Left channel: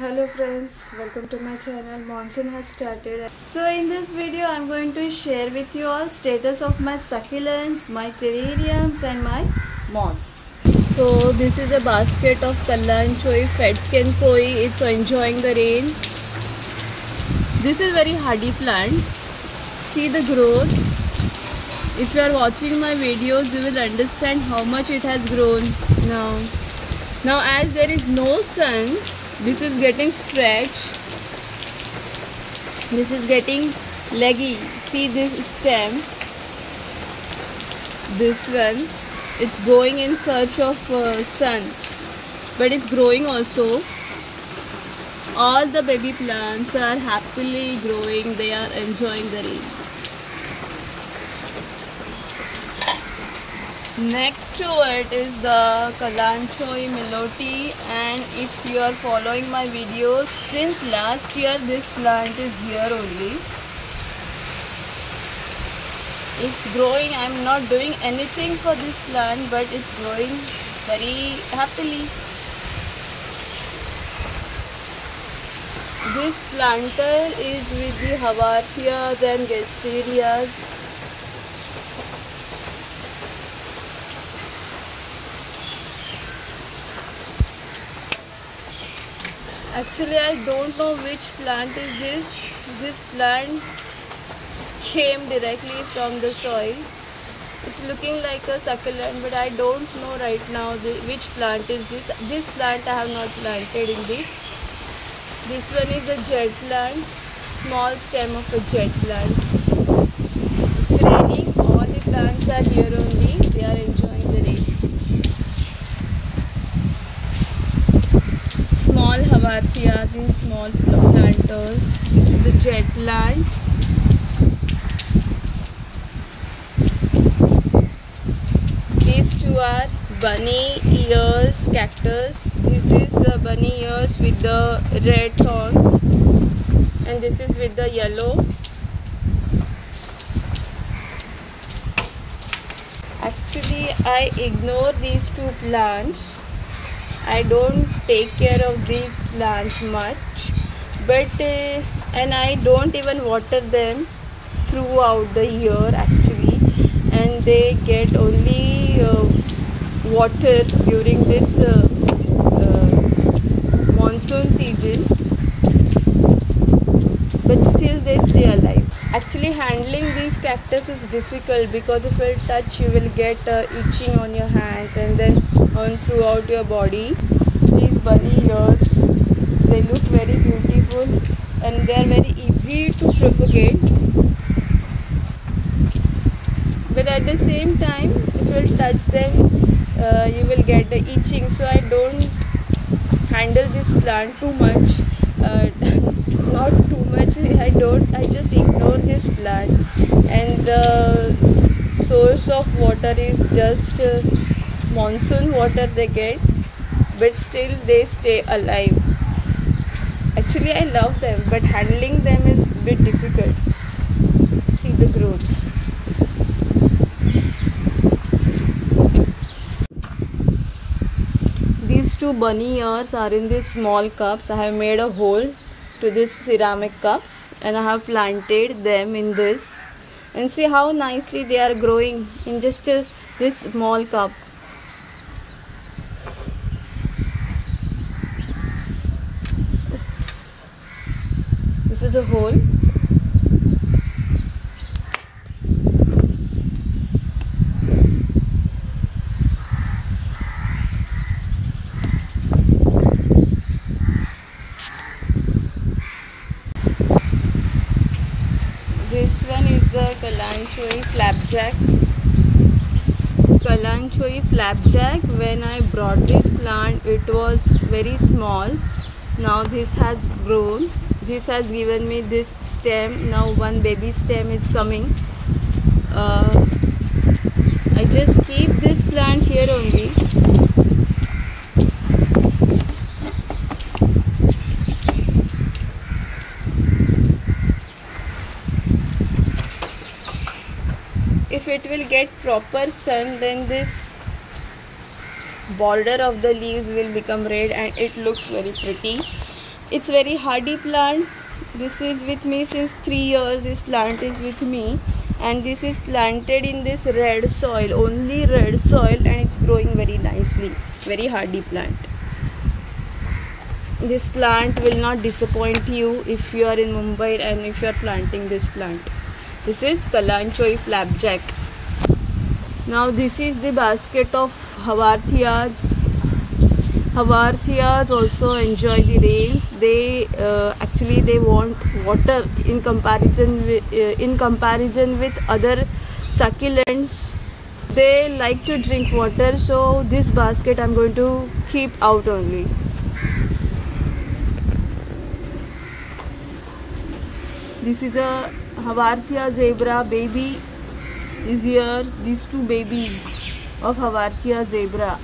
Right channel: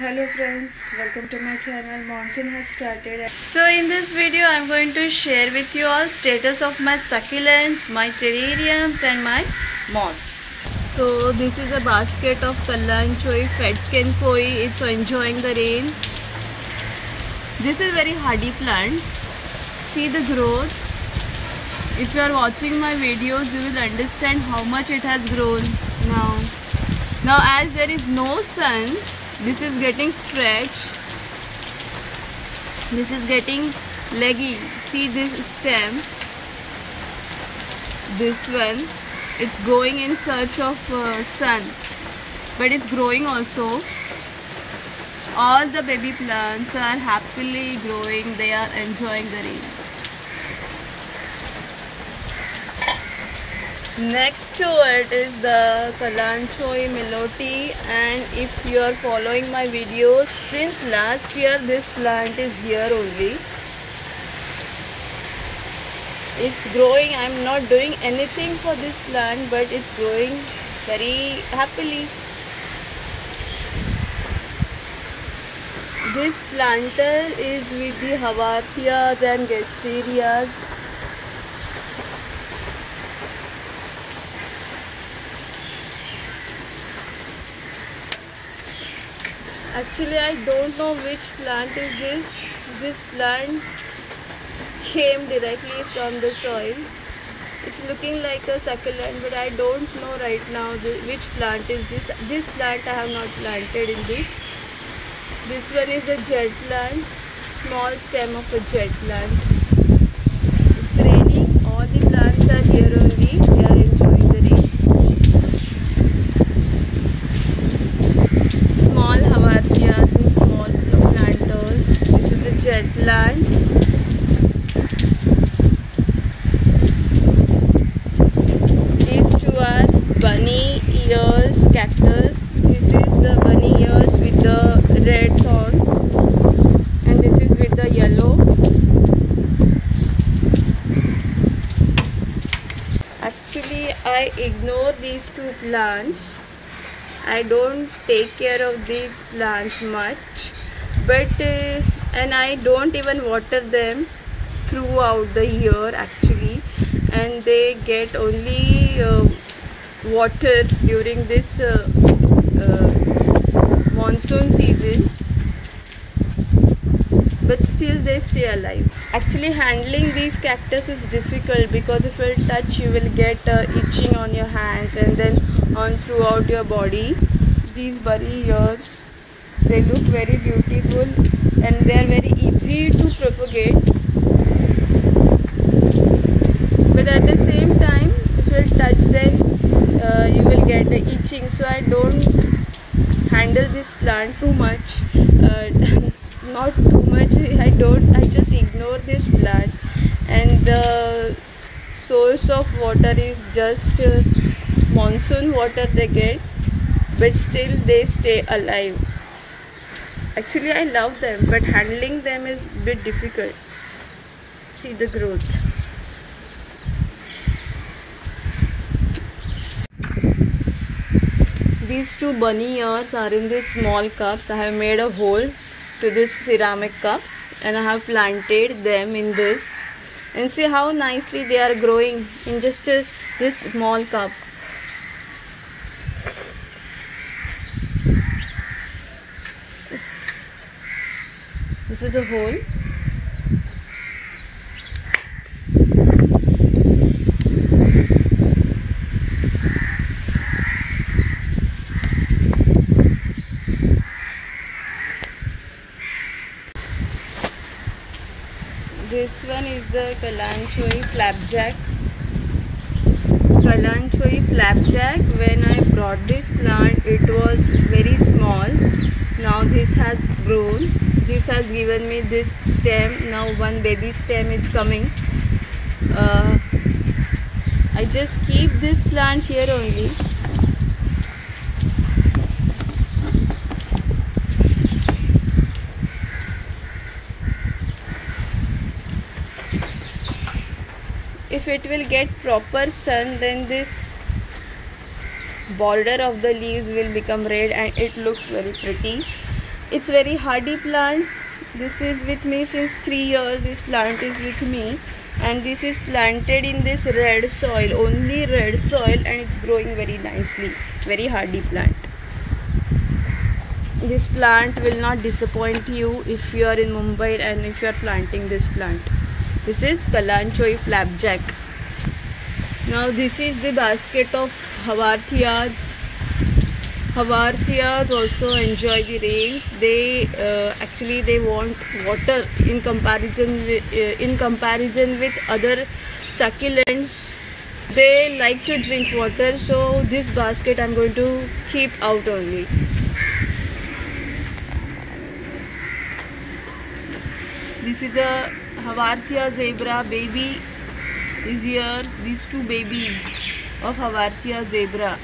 Hello friends, welcome to my channel. Monsoon has started. So in this video I'm going to share with you all status of my succulents, my terrariums and my moss. So this is a basket of kalanchoe, fedsken koi. It's enjoying the rain. This is very hardy plant. See the growth. If you are watching my videos, you will understand how much it has grown now. Now as there is no sun, this is getting stretched. This is getting leggy. See this stem. This one, it's going in search of sun, but it's growing also. All the baby plants are happily growing. They are enjoying the rain. Next to it is the kalanchoe meloti, and if you are following my videos since last year, this plant is here only. It's growing. I'm not doing anything for this plant, but it's growing very happily. This planter is with the hawarthias and gasterias. Actually, I don't know which plant is this. This plant came directly from the soil. It's looking like a succulent, but I don't know right now which plant is this. This plant I have not planted in this. This one is a jet plant, small stem of a jet plant. It's raining. All the plants are here only. They are enjoying the rain. Small hawarthias in small planters. This is a jet plant. These two are bunny ears cactus. This is the bunny ears with the red thorns, and this is with the yellow. Actually, I ignore these two plants. I don't take care of these plants much, but and I don't even water them throughout the year actually, and they get only water during this monsoon season, but still they stay alive. Actually, handling these cactus is difficult because if you touch, you will get itching on your hands and then on throughout your body. These bunny ears, they look very beautiful and they are very easy to propagate, but at the same time, if you touch them, you will get itching. So I don't handle this plant too much. Not too much. I just ignore this plant, and the source of water is just monsoon water they get, but still they stay alive. Actually, I love them, but handling them is a bit difficult. See the growth. These two bunny ears are in these small cups. I have made a hole to these ceramic cups and I have planted them in this, and see how nicely they are growing in just this small cup. Oops. This is a hole. This one is the kalanchoe flapjack. Kalanchoe flapjack, when I brought this plant, it was very small. Now this has grown. This has given me this stem. Now one baby stem is coming. I just keep this plant here only. If it will get proper sun, then this border of the leaves will become red and it looks very pretty. It's very hardy plant. This is with me since 3 years. This plant is with me, and this is planted in this red soil, only red soil, and it's growing very nicely. Very hardy plant. This plant will not disappoint you if you are in Mumbai and if you are planting this plant. This is Kalanchoe flapjack. Now this is the basket of Havarthias. Havarthias also enjoy the rains. They actually they want water in comparison with other succulents. They like to drink water, so this basket I'm going to keep out only. This is a Havarthia zebra baby is here. These two babies of Havarthia zebra.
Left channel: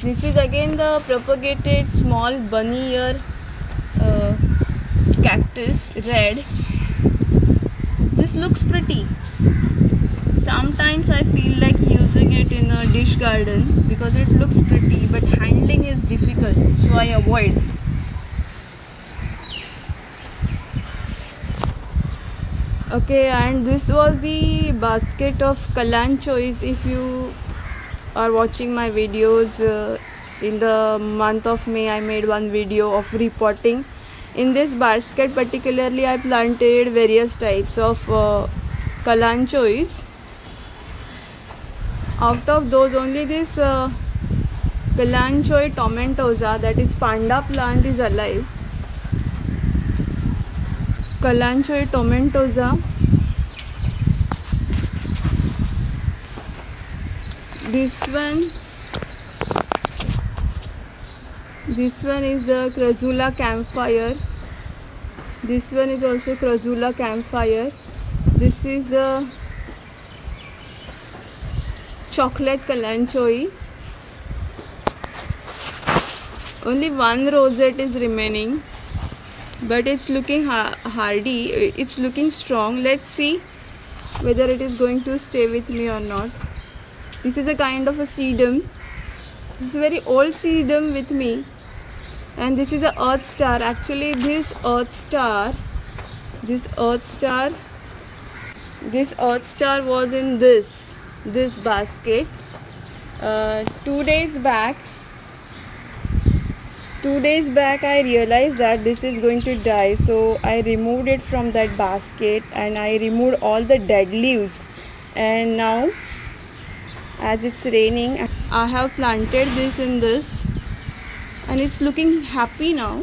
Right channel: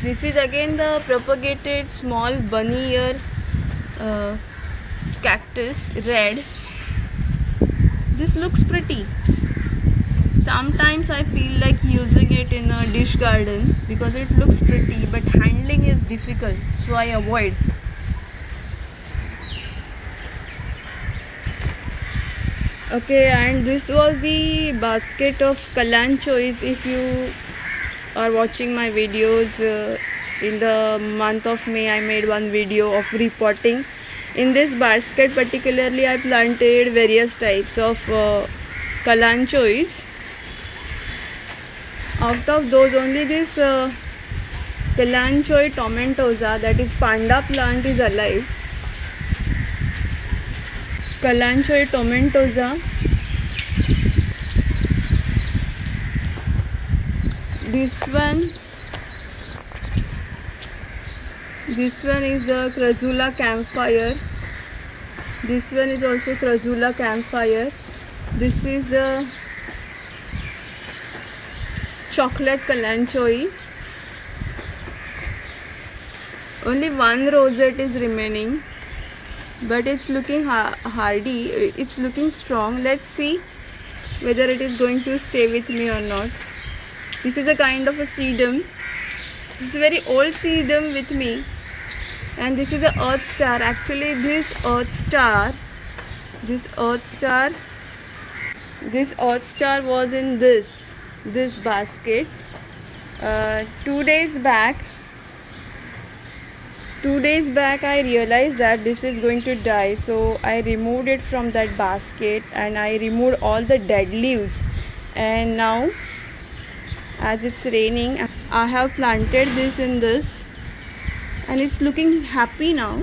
This is again the propagated small bunny ear cactus, red. This looks pretty. Sometimes I feel like using it in a dish garden because it looks pretty, but handling is difficult, so I avoid. Okay, and this was the basket of Kalanchoes. If you are watching my videos, in the month of May I made one video of repotting. In this basket particularly I planted various types of Kalanchoes. Out of those, only this Kalanchoe tomentosa, that is panda plant, is alive. Kalanchoe tomentosa. This one is the Crassula campfire. This one is also Crassula campfire. This is the chocolate Kalanchoe. Only one rosette is remaining, but it's looking hardy. It's looking strong. Let's see whether it is going to stay with me or not. This is a kind of a sedum. This is a very old sedum with me, and this is a earth star. Actually, this earth star was in this basket. 2 days back I realized that this is going to die, so I removed it from that basket and I removed all the dead leaves. And now, as it's raining, I have planted this in this, and it's looking happy now.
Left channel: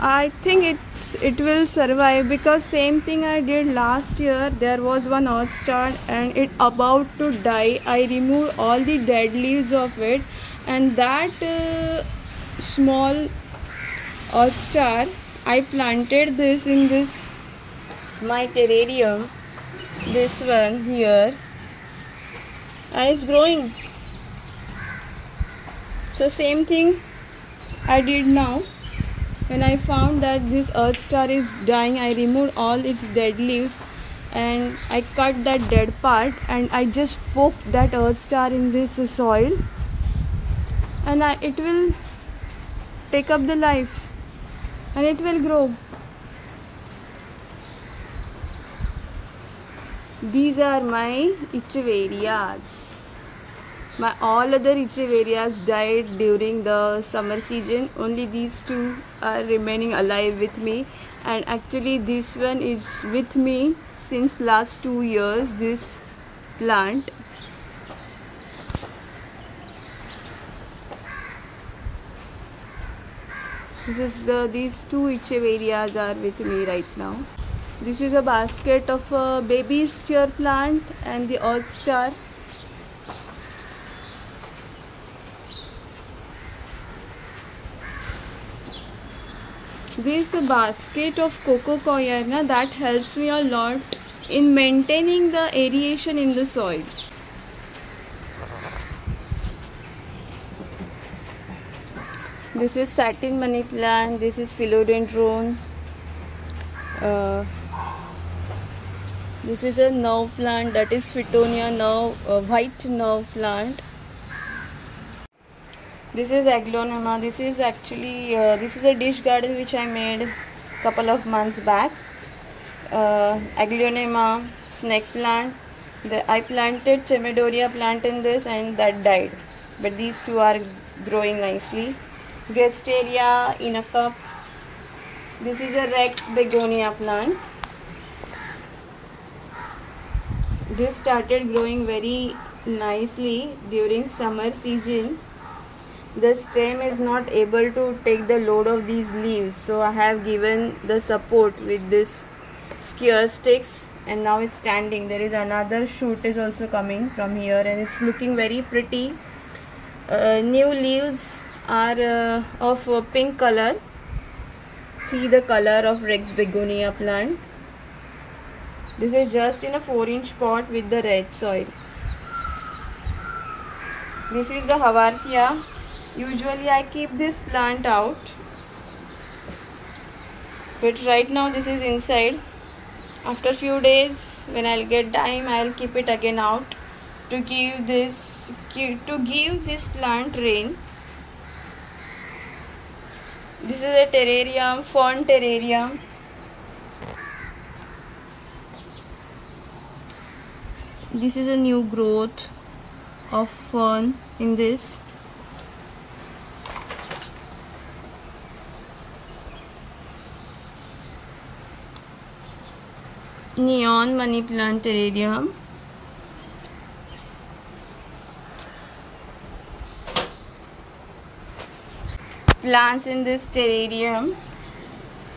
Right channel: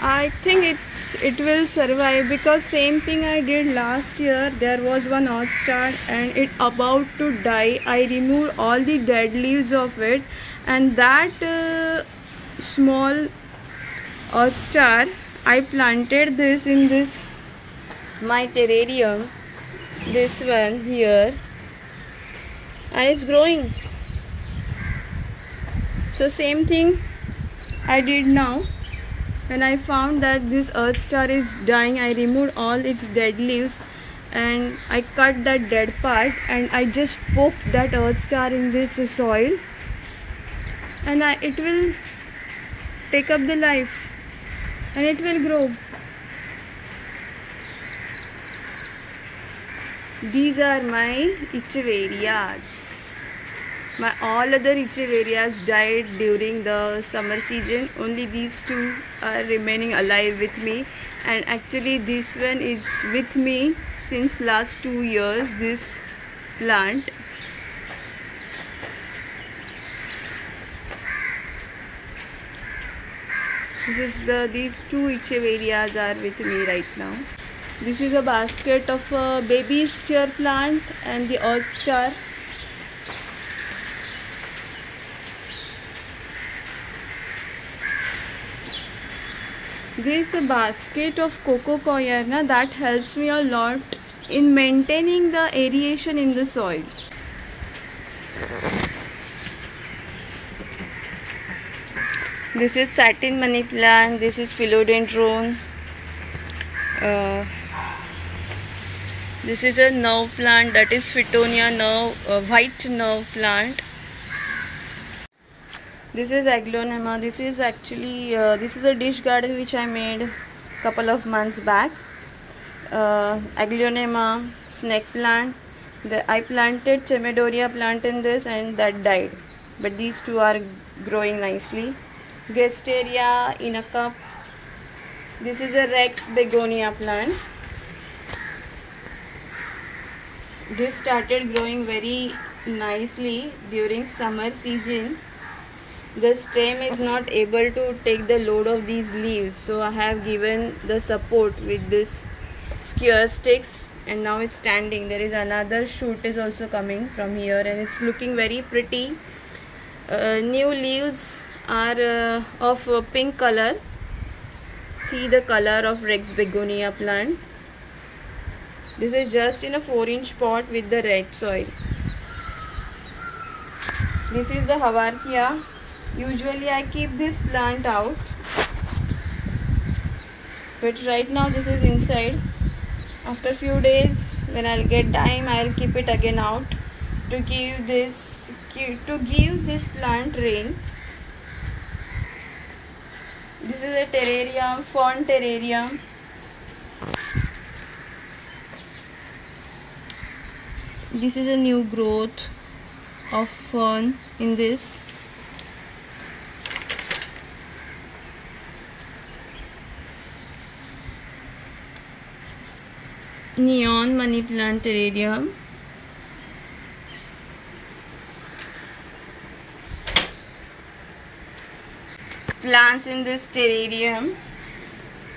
I think it will survive, because same thing I did last year. There was one earth star and it about to die. I removed all the dead leaves of it, and that small earth star, I planted this in this my terrarium, this one here, and it's growing. So same thing I did now. When I found that this earth star is dying, I removed all its dead leaves and I cut that dead part and I just poked that earth star in this soil, and it will take up the life and it will grow. These are my Echeverias. My all other Echeverias died during the summer season. Only these two are remaining alive with me, and actually this one is with me since last 2 years, this plant. These two Echeverias are with me right now. This is a basket of baby steer plant and the earth star. This basket of coco coir, that helps me a lot in maintaining the aeration in the soil. This is satin money plant. This is philodendron. This is a nerve plant, that is Fittonia nerve, white nerve plant. This is Aglaonema. This is actually this is a dish garden which I made couple of months back. Aglaonema, snake plant. I planted Chamaedorea plant in this and that died, but these two are growing nicely. Gasteria in a cup. This is a Rex begonia plant. This started growing very nicely during summer season. The stem is not able to take the load of these leaves, so I have given the support with this skewer sticks, and now it's standing. There is another shoot is also coming from here, and it's looking very pretty. New leaves are of pink color. See the color of Rex begonia plant. This is just in a 4-inch pot with the red soil. This is the Havartia. Usually I keep this plant out, but right now this is inside. After few days, when I'll get time, I'll keep it again out to give this plant rain. This is a terrarium, fern terrarium. This is a new growth of fern in this. Neon money plant terrarium. Plants in this terrarium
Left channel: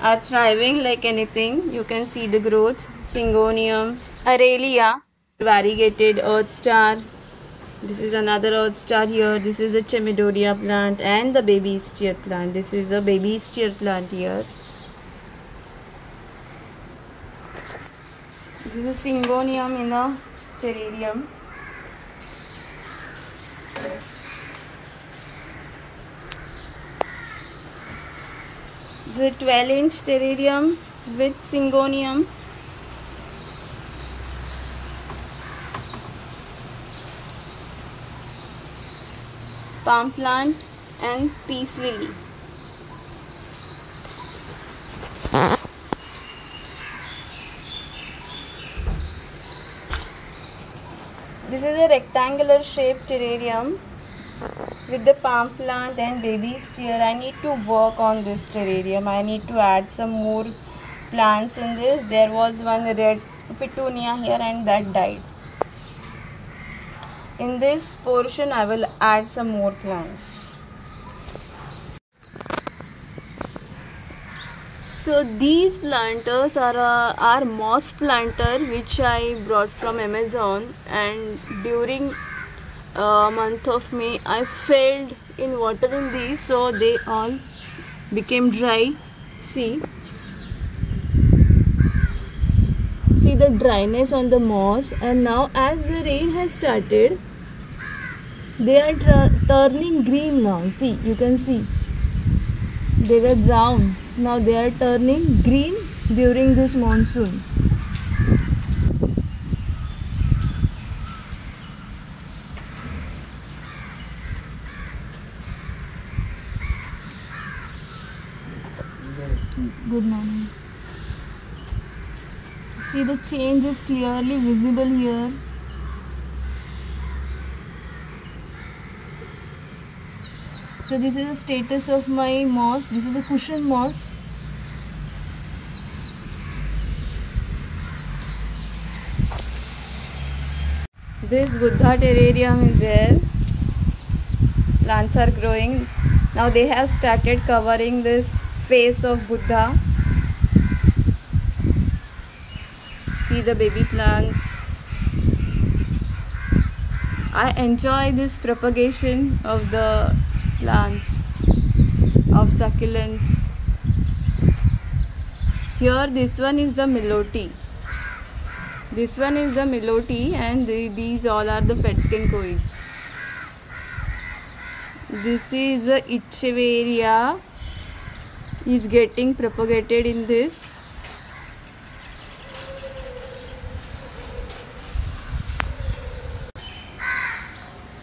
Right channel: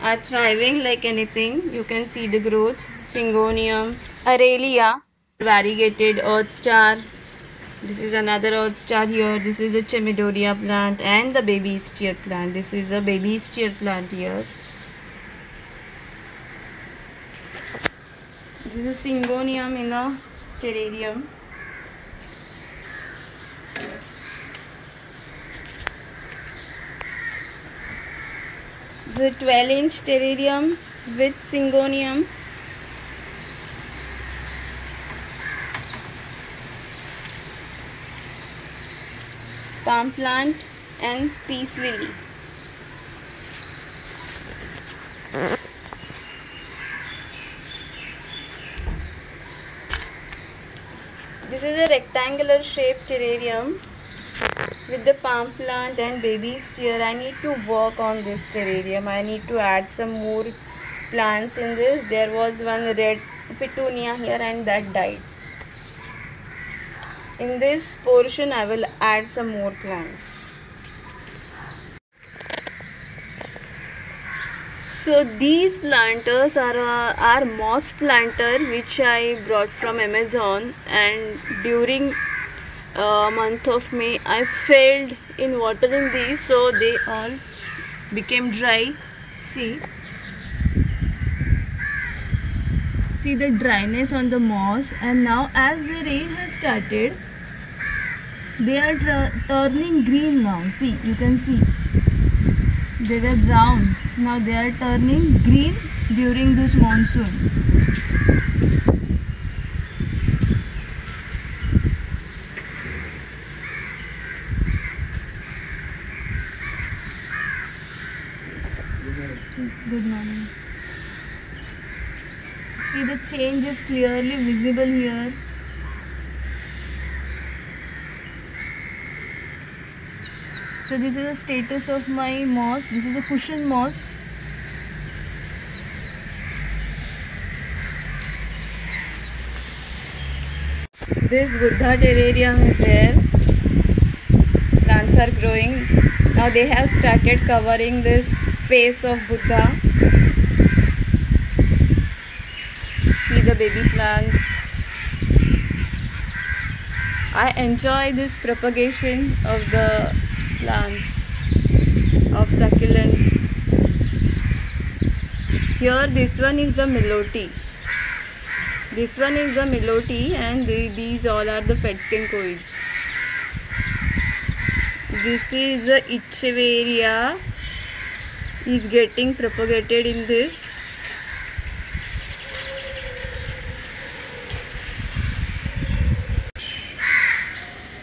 are thriving like anything. You can see the growth. Syngonium, Aralia, variegated earth star. This is another earth star here. This is a Chamaedorea plant and the baby steer plant. This is a baby steer plant here. This is Syngonium in a terrarium. This is a 12-inch terrarium with Syngonium. Palm plant and peace lily. This is a rectangular shaped terrarium with the palm plant and baby steer. I need to work on this terrarium. I need to add some more plants in this. There was one red petunia here and that died. In this portion I will add some more plants. So these planters are moss planter which I brought from Amazon, and during month of May I failed in watering these, so they all became dry. See the dryness on the moss, and now as the rain has started they are turning green now. See, you can see they were brown, now they are turning green during this monsoon. Good morning. See, the change is clearly visible here. So this is the status of my moss. This is a cushion moss. This Buddha terrarium is there. Plants are growing. Now they have started covering this face of Buddha. See the baby plants. I enjoy this propagation of the plants of succulents. Here this one is the Melote. This one is the Melote, and these all are the Fedskenkoides. This is the Echeveria is getting propagated in this.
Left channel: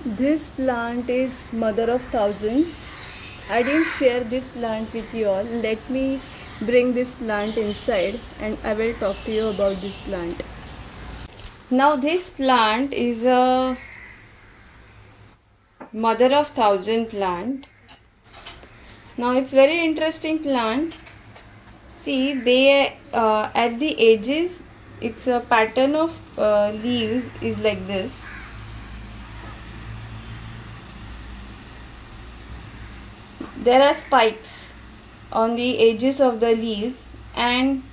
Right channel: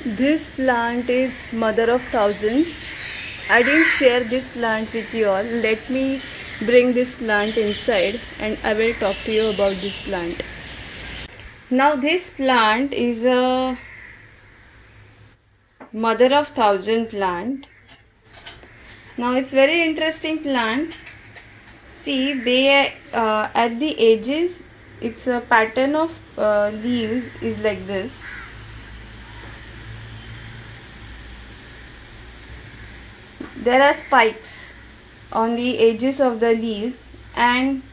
This plant is mother of thousands. I didn't share this plant with you all. Let me bring this plant inside and I will talk to you about this plant. Now this plant is a mother of thousand plant. Now it's very interesting plant. See, they at the edges, it's a pattern of leaves is like this. There are spikes on the edges of the leaves, and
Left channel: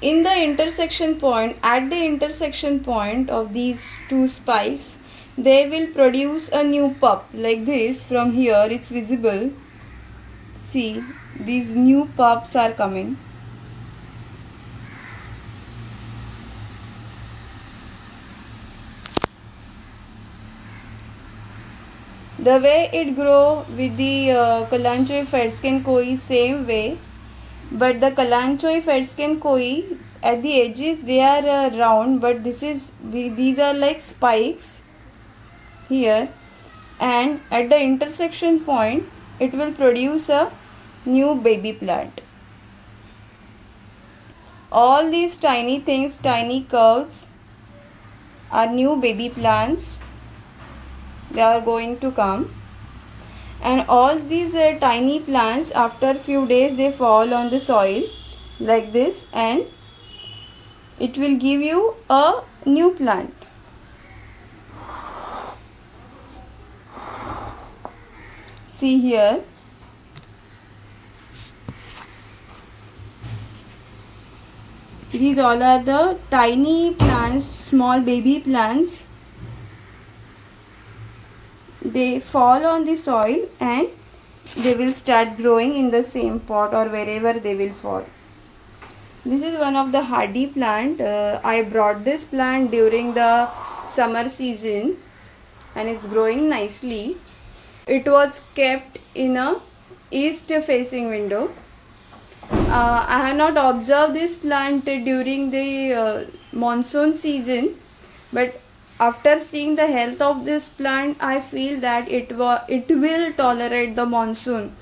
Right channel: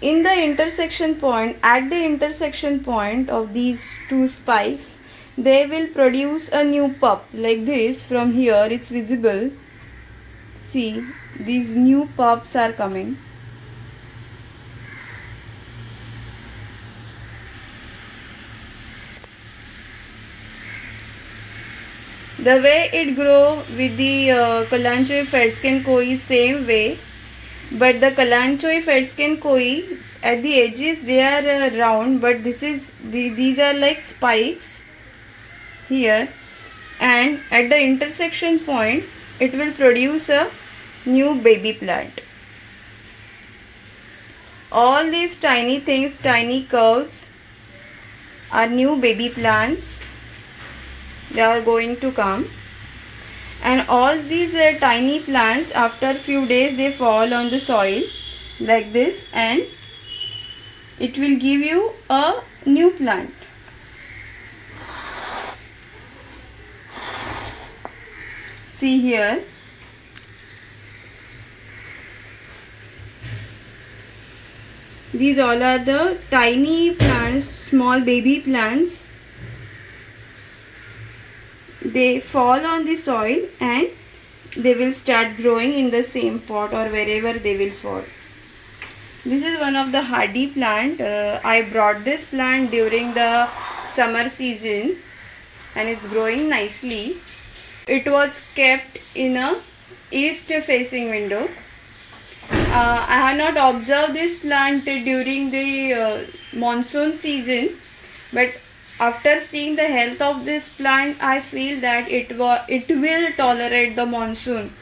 in the intersection point, at the intersection point of these two spikes, they will produce a new pup like this. From here it's visible. See, these new pups are coming. The way it grow with the Kalanchoe Fersken Koi, same way, but the Kalanchoe Fersken Koi at the edges they are round, but these are like spikes here, and at the intersection point it will produce a new baby plant. All these tiny things, tiny curves are new baby plants. They are going to come, and all these tiny plants, after few days they fall on the soil like this, and it will give you a new plant. See here, these all are the tiny plants, small baby plants. They fall on the soil and they will start growing in the same pot or wherever they will fall. This is one of the hardy plant. I brought this plant during the summer season and it's growing nicely. It was kept in a east facing window. I have not observed this plant during the monsoon season, but after seeing the health of this plant, I feel that it will tolerate the monsoon.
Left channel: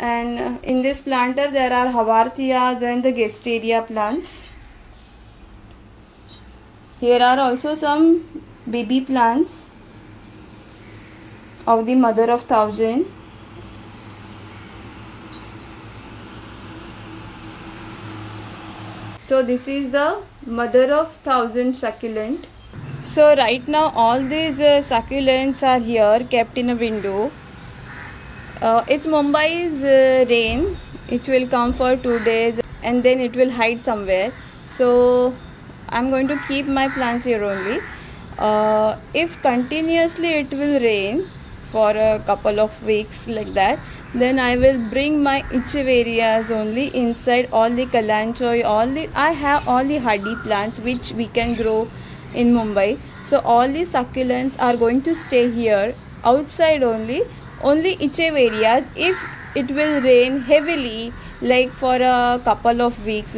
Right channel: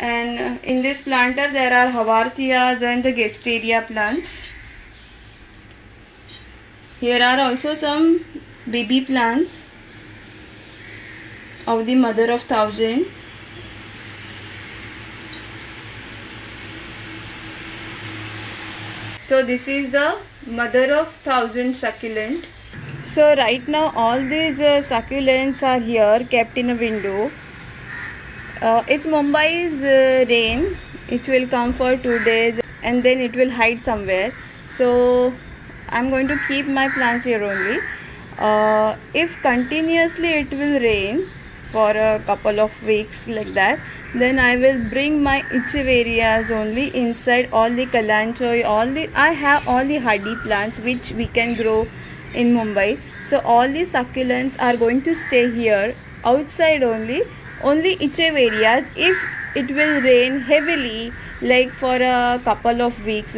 And in this planter there are Haworthias and the Gasteria plants. Here are also some baby plants of the mother of thousand. So this is the mother of thousand succulent. So right now all these succulents are here kept in a window. It's Mumbai's rain. It will come for 2 days and then it will hide somewhere. So I'm going to keep my plants here only. If continuously it will rain for a couple of weeks like that, then I will bring my Echeverias only inside. All the Kalanchoe, I have all the hardy plants which we can grow in Mumbai. So all the succulents are going to stay here outside only Echeverias. If it will rain heavily like for a couple of weeks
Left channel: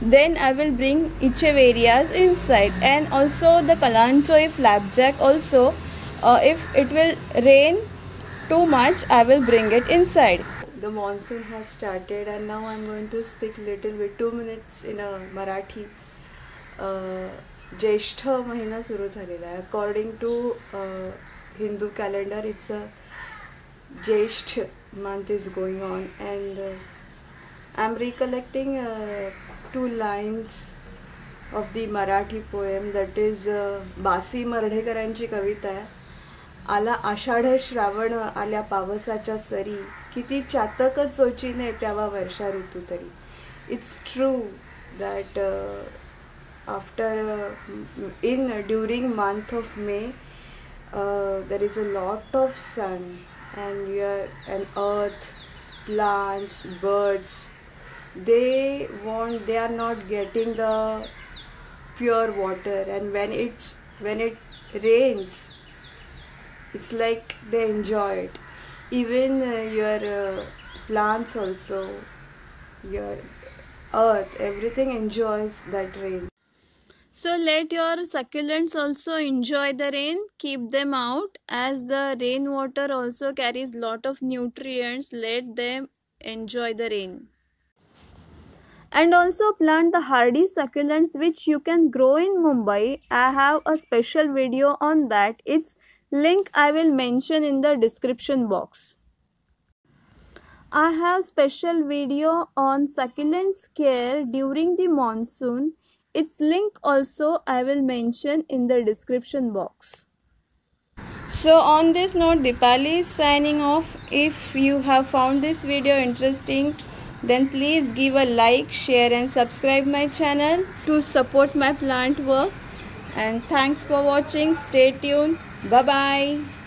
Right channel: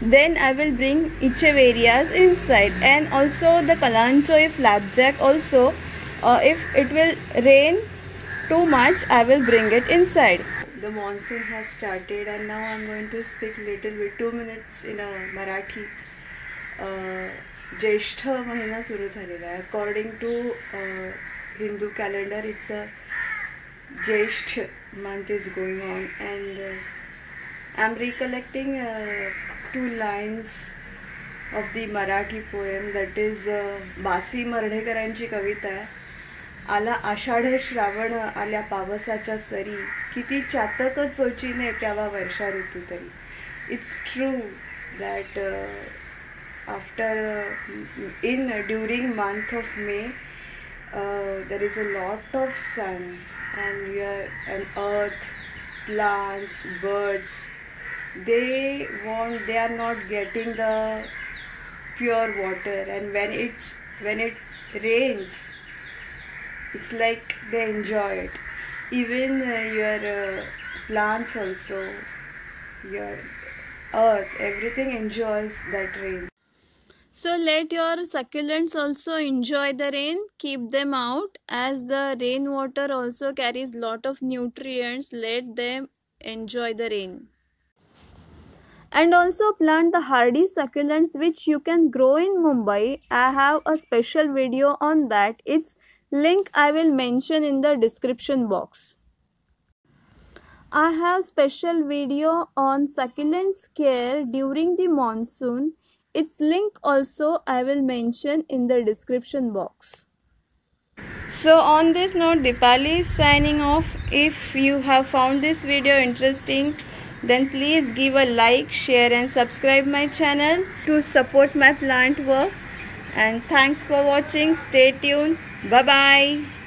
then I will bring Echeverias inside, and also the Kalanchoe flapjack also, if it will rain too much I will bring it inside. The monsoon has started and now I am going to speak little bit 2 minutes in a Marathi. ज्येष्ठ महिना सुरू झालेला आहे. According to Hindu calendar it's a Jyeshtha month is going on, and I'm recollecting 2 lines of the Marathi poem, that is बासी मर्ढेकरांची कविता आहे. आला आषाढ श्रावण आल्या पावसाच्या सरी, किती चातक चोचीने त्यावा वर्षा ऋतू तरी. It's true that during month of May there is a lot of sun, and earth, plants, birds, they are not getting the pure water, and when it rains it's like they enjoy it. even your plants also, your earth, everything enjoys that rain. So let your succulents also enjoy the rain. Keep them out, as the rainwater also carries lot of nutrients. Let them enjoy the rain. And also plant the hardy succulents which you can grow in Mumbai. I have a special video on that. Its link I will mention in the description box. I have special video on succulents care during the monsoon. Its link also I will mention in the description box. So on this note, Dipali is signing off. If you have found this video interesting, then please give a like, share and subscribe my channel to support my plant work. And thanks for watching. Stay tuned. Bye bye.